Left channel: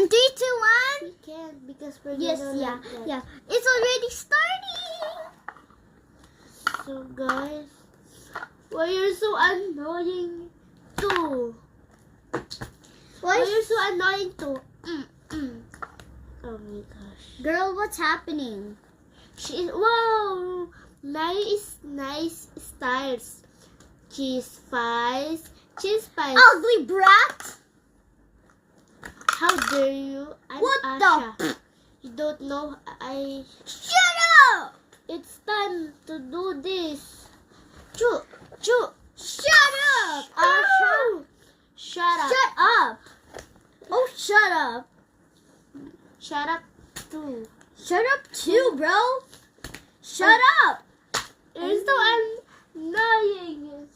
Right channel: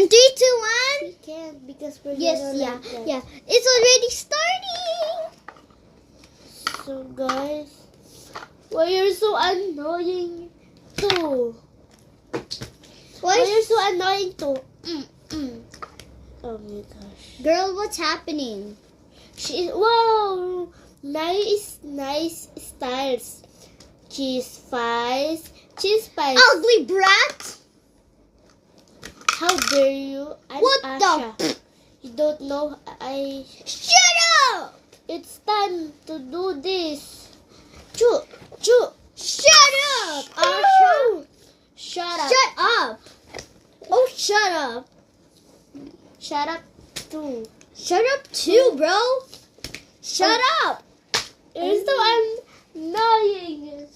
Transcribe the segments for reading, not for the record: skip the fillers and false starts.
And 3, 2, 1. We can't because we're Yes, gonna yeah, like that. yeah. It's already starting. So guys, why you're so annoying too? Why you're so annoying too? Oh my gosh. Girl, what's happening? Wow, nice styles. Cheese pies. Ugly brat. How dare you? I'm What Asha. the? You don't know Shut up! It's time to do this. Choo. Shut up, Asha. Oh! Shut up. Shut up. Oh, shut up. Shut up too. Shut up too, bro. Shut up. You're so annoying.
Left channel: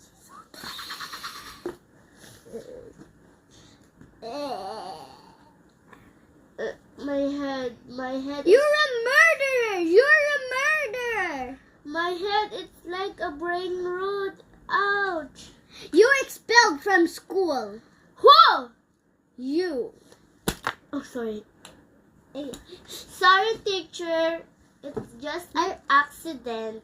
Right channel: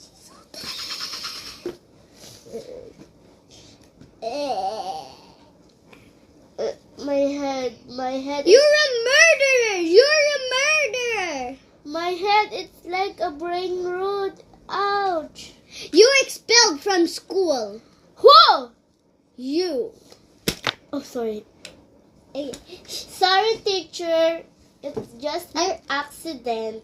My head. You're a murderer. You're a murderer. My head. It's like a brain root. Ouch. You're expelled from school. Whoa! You. Oh, sorry. Sorry, teacher. It's just an accident.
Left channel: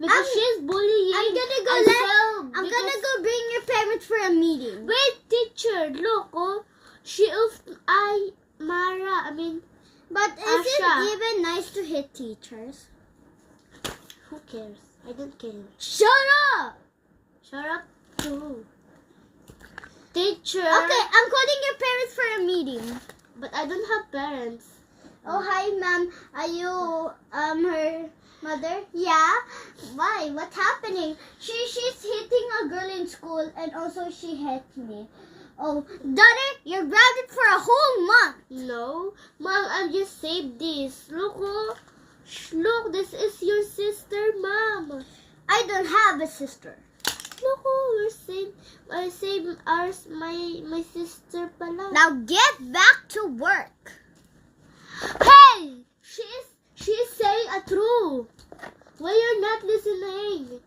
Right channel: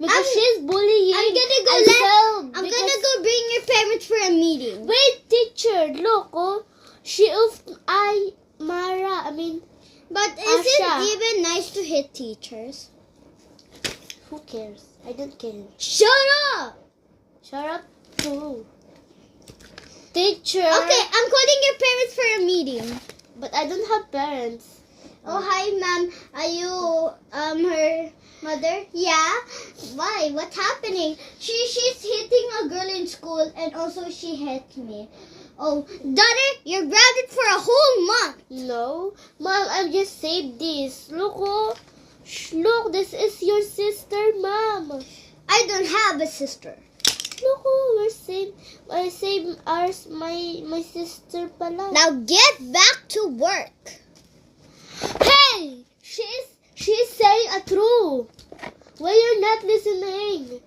Because she's bullying. I'm gonna go Ansel, I'm gonna go bring your parents for a meeting. Wait, teacher. Look, oh. But is Asha. it even nice to hit teachers? Who cares? I don't care. Shut up. Shut up, too. Teacher. Okay, I'm calling your parents for a meeting. But I don't have parents. Oh, hi, ma'am. Are you her mother? Yeah. Why? What's happening? She's hitting a girl in school, and also she hit me. Oh, daughter, you're grounded for a whole month. No. Mom, I just saved this. Look, oh. Look, this is your sister, Mom. I don't have a sister. Look, oh, I saved ours, my sister pala. Now get back to work. Hey! She's saying a truth. Why you're not listening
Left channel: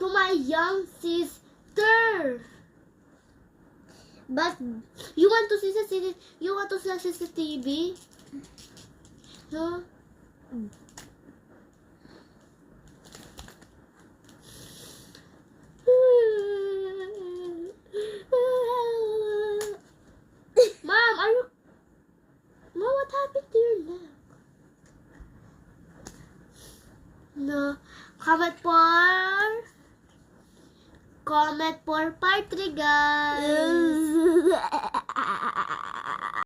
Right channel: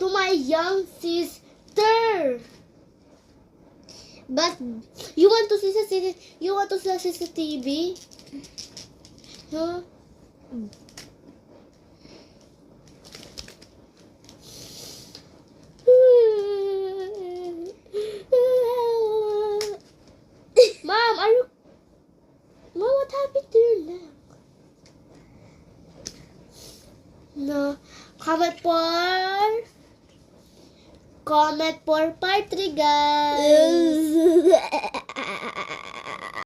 to my young sister? But You want to see CCTV? Huh? Mom, Mom, what happened to your neck? No. Comment for part 3, guys.